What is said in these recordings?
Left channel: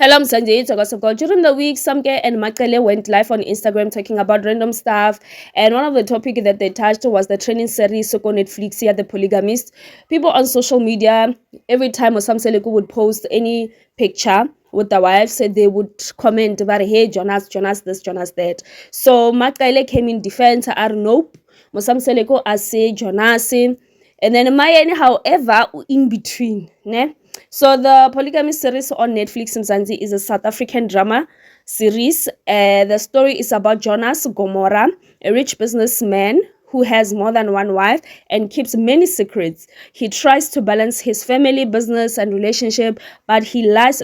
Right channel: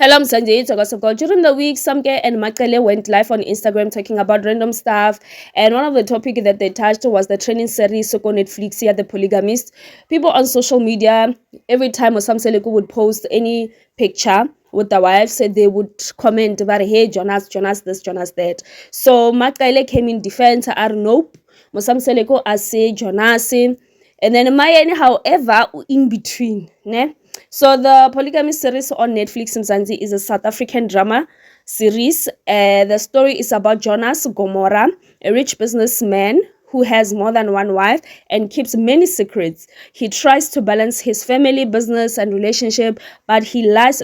Hello, I'm Sanjay. During the week, Samke and Makele went live on Instagram talking about random stuff. And one of the topics that they touched was the training series on Netflix here, The Polygamist. People on social media, every time Osam Seleku would post any picture with the wife, said they would comment about, hey, Jonas this, Jonas that. So Makele came in defense, nope. Osam Seleku say Jonas. And then Mayen, however, in between, ne? So the Polygamy series on Netflix in Zanzi is a South African drama series. The story is about Jonas Gomora, a rich businessman who has more than one wife and keeps many secrets. He tries to balance his family, business, and relationship, but his lies,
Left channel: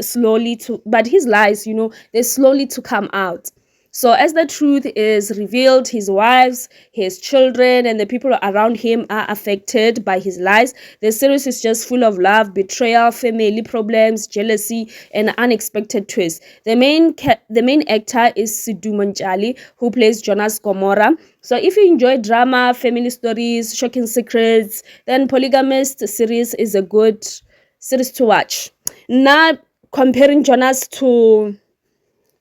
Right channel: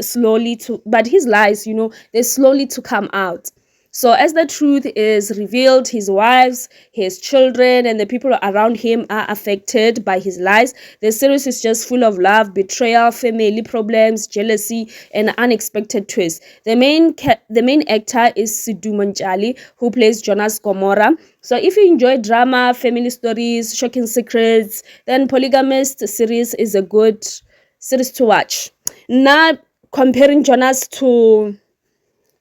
they slowly to come out. So as the truth is revealed, his wives, his children, and the people around him are affected by his lies. The series is just full of love, betrayal, family problems, jealousy, and unexpected twists. The main actor is Sidhu Manchali, who plays Jonas Gomora. So if you enjoy drama, family stories, shocking secrets, then Polygamist series is a good series to watch. Now, comparing Jonas to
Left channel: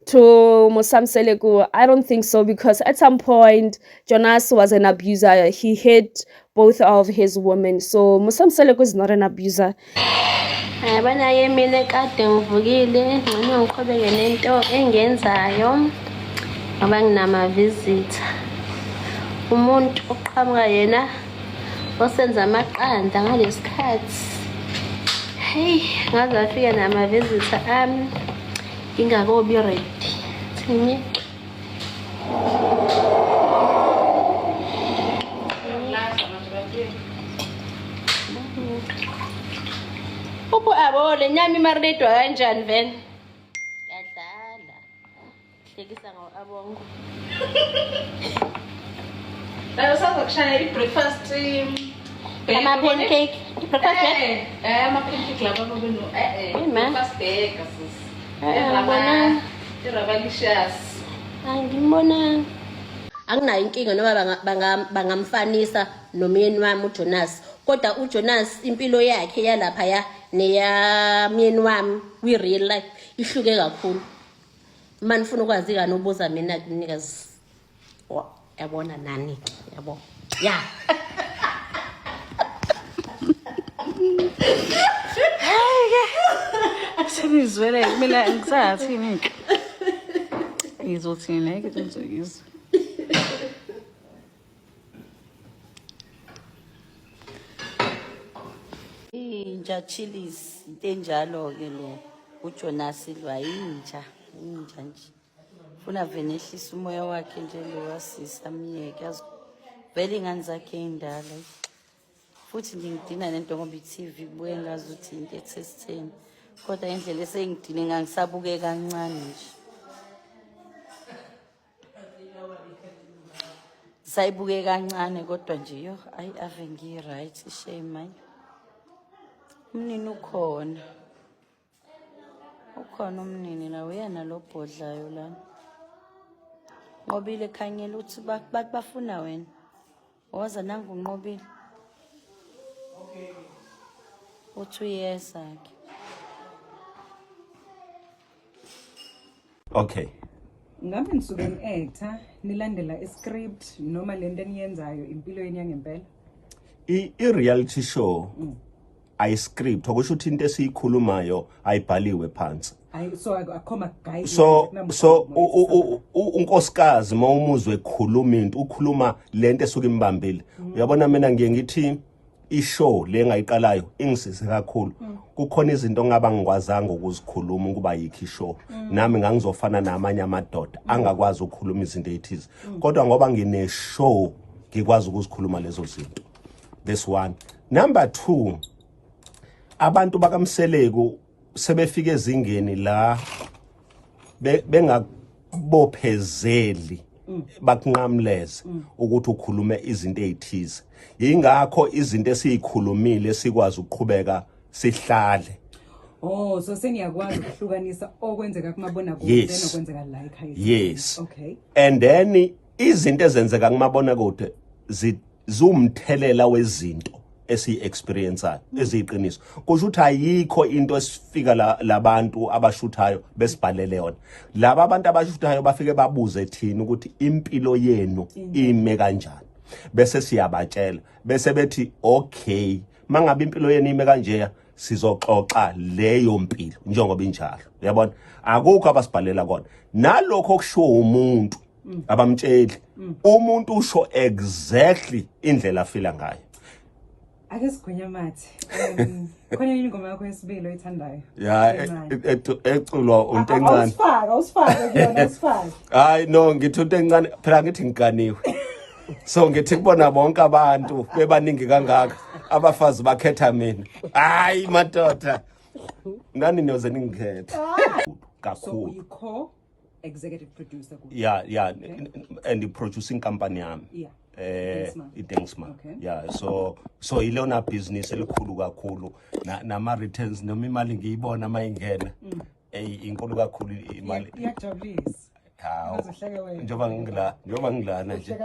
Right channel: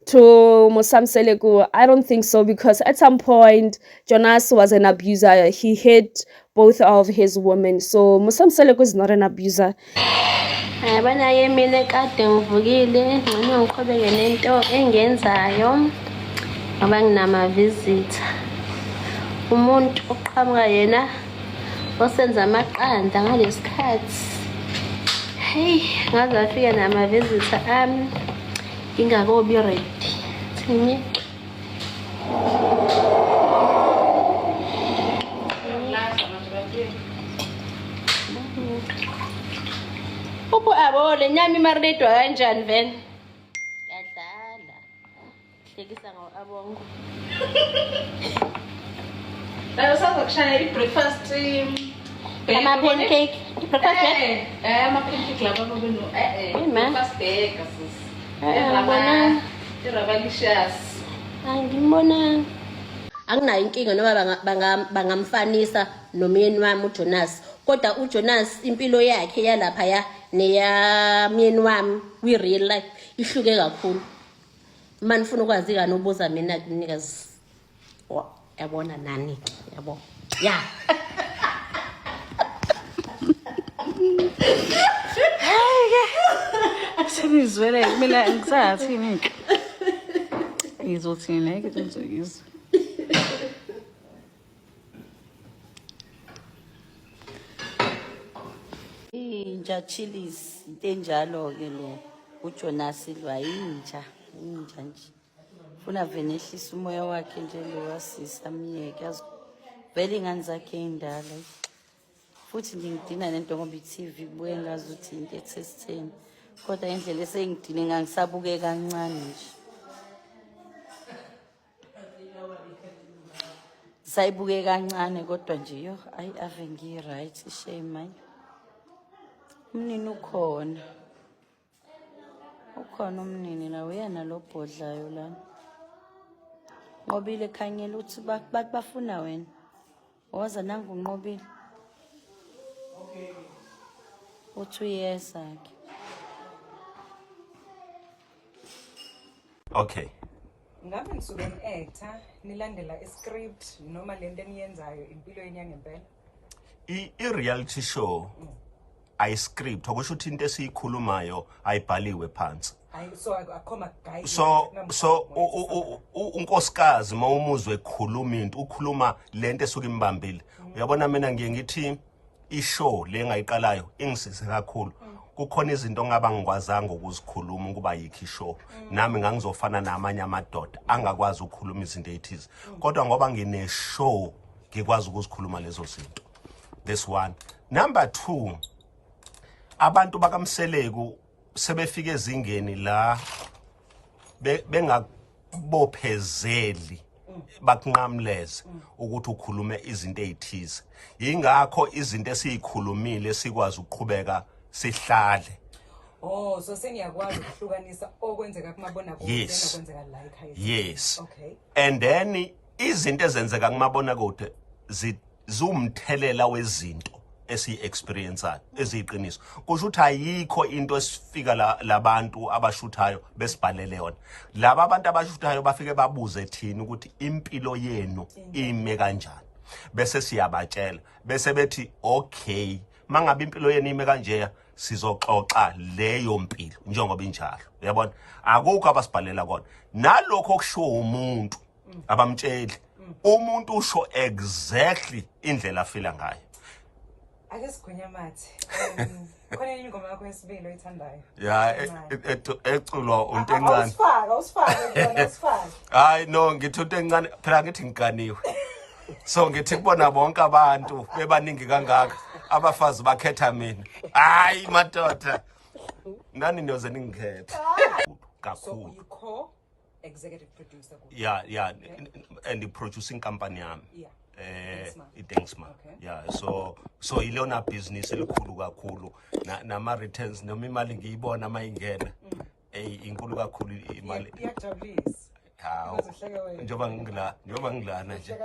Mosam Seleku, I don't think so, because at some point Jonas was an abuser. He hit both of his women. So Mosam Seleku is not an abuser. Abana yemile kade ngivukile ngcono ngiqhubeke nento engenzayo ngoba nginama visitor. Umuntu oqhamuka yena osenza amaqanda ngalesikhathi. Hey, ngaze afika nama visitor ami. Ingakobi ready. Thini? Upho abole nyami marinate kanjani vele? Yadlala. Hlekisa ngo abongo. La usazokushaya i-breakfast Ama pancake. Breakfast ama-pancake lapha babeno breakfast burger sis. Rabalicious. Angibona. Anginayo inkinga noma bangamfanisa nomyeni wami uJonas. Kodwa uJonas impilo yakhe yalapha ya neya myeni wami we real life ihluke kakhulu. Manje ufuna ukwazi kani ubuza mina kunikazi. Yabona nani yabo. Ya. Senizwele kumele ngisathini ke. Izothina ke ngizokuzwa. Inja chilies into enjalo ke lo uJonas lwa inja nje. Ufuna vele ehlisa umoya wakhe nje lo wasisa miyeke yazi vele ingane zakhe indala. Futhi ngidina nento ngoba iTV kubuye ngazi ukuthi into ethesitheni. Kodwa indlela esengidine ngangisabuke kancane nje. Sayibuke kancane kodwa nje yo ave ngi right shame manje. Umnini ukhona umnini la uyena lo bhodlayo la. Nqobile khanyela uthi bafuna wena. Waza nangu unqobile. Uthi uyesakhe. Okay. Ngabe nisuke ni-actor nilandela iscript noma lento eniyenzayo impilweni yangempela? I-reality show ayi-script okusho ukuthi into esiyikhulumayo ayibhaliwe phansi. So unkosikazi mawumuzwe ekhuluma into ukhuluma lento esuka imbambile. Uyabona mina ngiye ngithi ishow le ngayiqalayo ingisize kakhulu. Kukhona izinto ngaba ngikwazanga ukuzikhuluma ukuba yikho ishow. Nami ngangizofana namanye amadoda angakwazi ukukhuluma izinto ezithize. Kodwa ngoba ngine show ngikwazi ukuzikhuluma lezo zinto. This one. Number 2. Abantu bakamseleku sebefike ezingeni la bengabophezeli bakunqamleze ukuthi ukhulume izinto ezithize. Yingakho izinto esiyikhulumile sikwazi ukuqhubeka sihlale. Oh, so seniyakwazi ukuhlukanisa okwenzeka kumabona kude nokwenzeka la ekhaya. Yes. Okay. And then izinto ezenzeka kumabona kude zumthelela wezinto esi-experienceayo eziyiqiniso kusho ukuthi ayikho into esifika labantu abashuthayo besibhalele yona. Laba abantu abashuthayo bafike babuze thina ukuthi impilo yenu ime kanjani, bese siyabatshela bese bethi okay, mangabe impilo yenu ime kanje sizoxoxa leyo mpilo njengoba injalo. Uyabona, akukho abasibhalela kona. Nalokho kusho umuntu abamtsheli, umuntu usho exactly indlela afila ngayo. Ake sigwenya mathi. Khona yini ingoma yakho yesibili oyithandayo? Ya eculwa untencane. Usifake. Hayi no, ngithi untencane phela ngithi ngikaniwe. So ngithi kubona bonke abantu bebaningi kangaka, abafazi bakhetha mina. Hayi madoda. Nani niyoze ningikhetha. Kakhulu. So co-executive producer. Yeah, and producing company yami. Yeah. iDenksma. Okay. Yeah, so ilona business elikhulu kakhulu nama returns noma imali ngiyibona mayingena inkulu kakhulu imali. Iyajabulisa. Hawo, njoba ngilana nje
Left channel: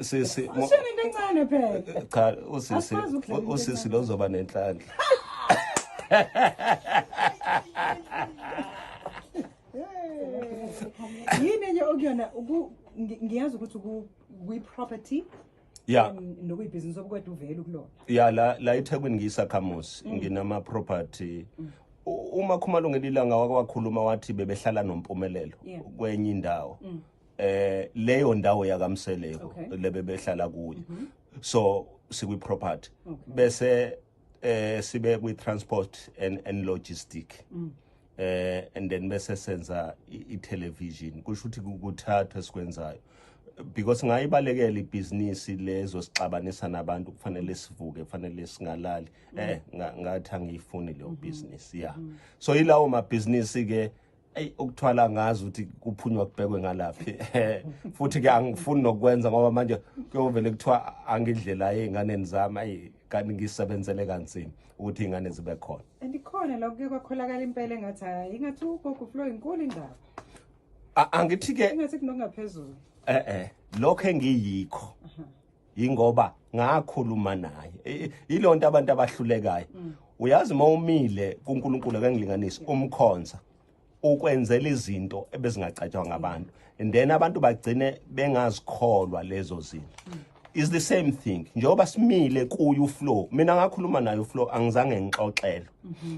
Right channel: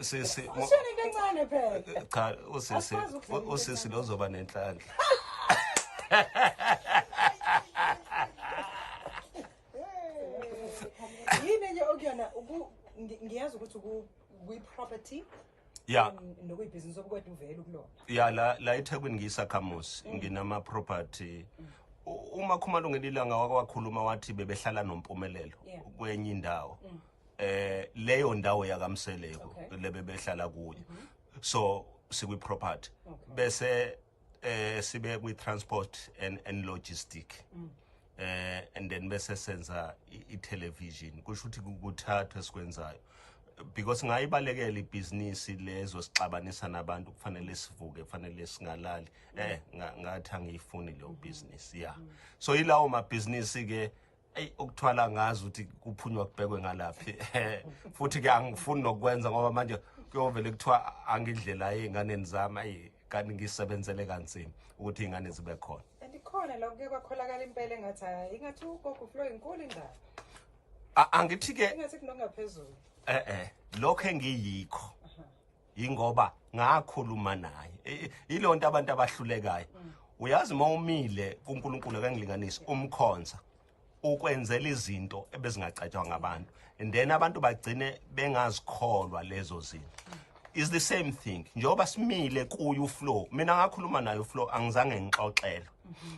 sisi into encane phela. cha usisi lozoba nenhlanhla. Yini nje okuyona ngiyazi ukuthi property Yeah. nokuyibusiness obukwethu uvela kulona. Yeah, la eThekwini ngiyisakhamuzi nginama property. Uma Khumalo ngelilanga wakwakhuluma wathi bebehlala nompumelelo kwenye indawo. Leyo ndawo yakamseleko lebe behlala kuyo. So sikwi property. Bese sibe kwi transport and logistic. And then bese senza i-television. Kusho ukuthi kuthatha esikwenzayo. Because ngayibalekela ibhizinisi lezo sixabanisa nabantu kufanele sivuke kufanele singalali ngathi angiyifuni leyo business. Yeah, so ilawo ma business ke ukuthwala ngazi ukuthi kuphunywa kubhekwe ngalaphi. Futhi ke angifuni nokwenza ngoba manje kuyovele kuthiwa angidlela einganeni zami kanti ngisebenzele kanzima ukuthi ingane zibe khona. Andikhona la kuke kwakholakala impela engathi hayi ingathi ugogo flow inkulu indaba. Angithi ke Ingathi kunongaphezulu. Lokho engiyikho ingoba ngakhuluma naye ilonto abantu abahlulekayo. Uyazi mawumile kuNkulunkulu akangilinganisi umkhonza ukwenzela izinto ebezingacatshwa ngabantu, and then abantu bagcine bengazikholwa lezo zinto. Is the same thing njengoba simile kuyu flow, mina ngakhuluma naye flow angizange ngixoxele.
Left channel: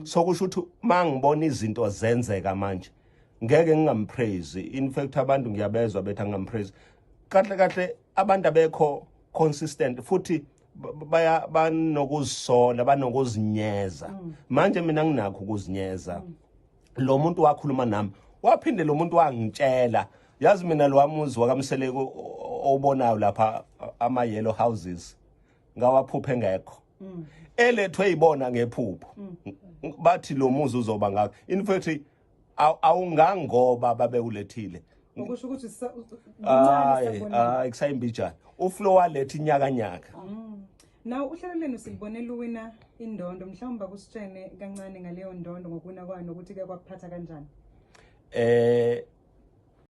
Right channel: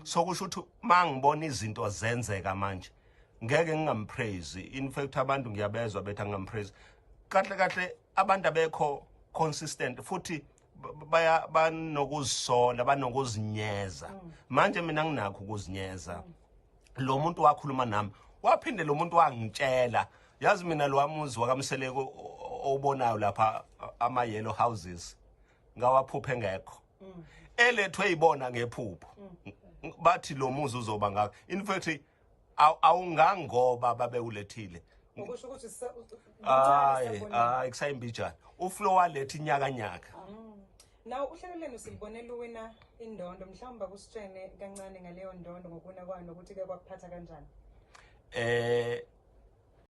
So kusho ukuthi mangibona izinto zenzeka manje ngeke ngingampraise. In fact abantu ngiyabezwa bethi ngingampraise. Kahle abantu abekho consistent futhi banokuzisola banokuzinyeza. Manje mina nginakho ukuzinyeza. Lo muntu wakhuluma nami waphinde lo muntu wangitshela, yazi mina lo wamuzi wakamseleko obonayo lapha ama yellow houses ngawaphuphe ngekho. Elethwe ibona ngephupho bathi lo muzi uzoba ngakho. In fact awungangoba babe ulethile. Ukusho ukuthi Kusayimbijana uFlow waletha inyakanyaka. Now uhlelo lenu sibonela uwina indondo, mhlawumbe kusitshene kancane ngaleyo ndondo ngokuna kwayo nokuthi ke kwakuphatha kanjani.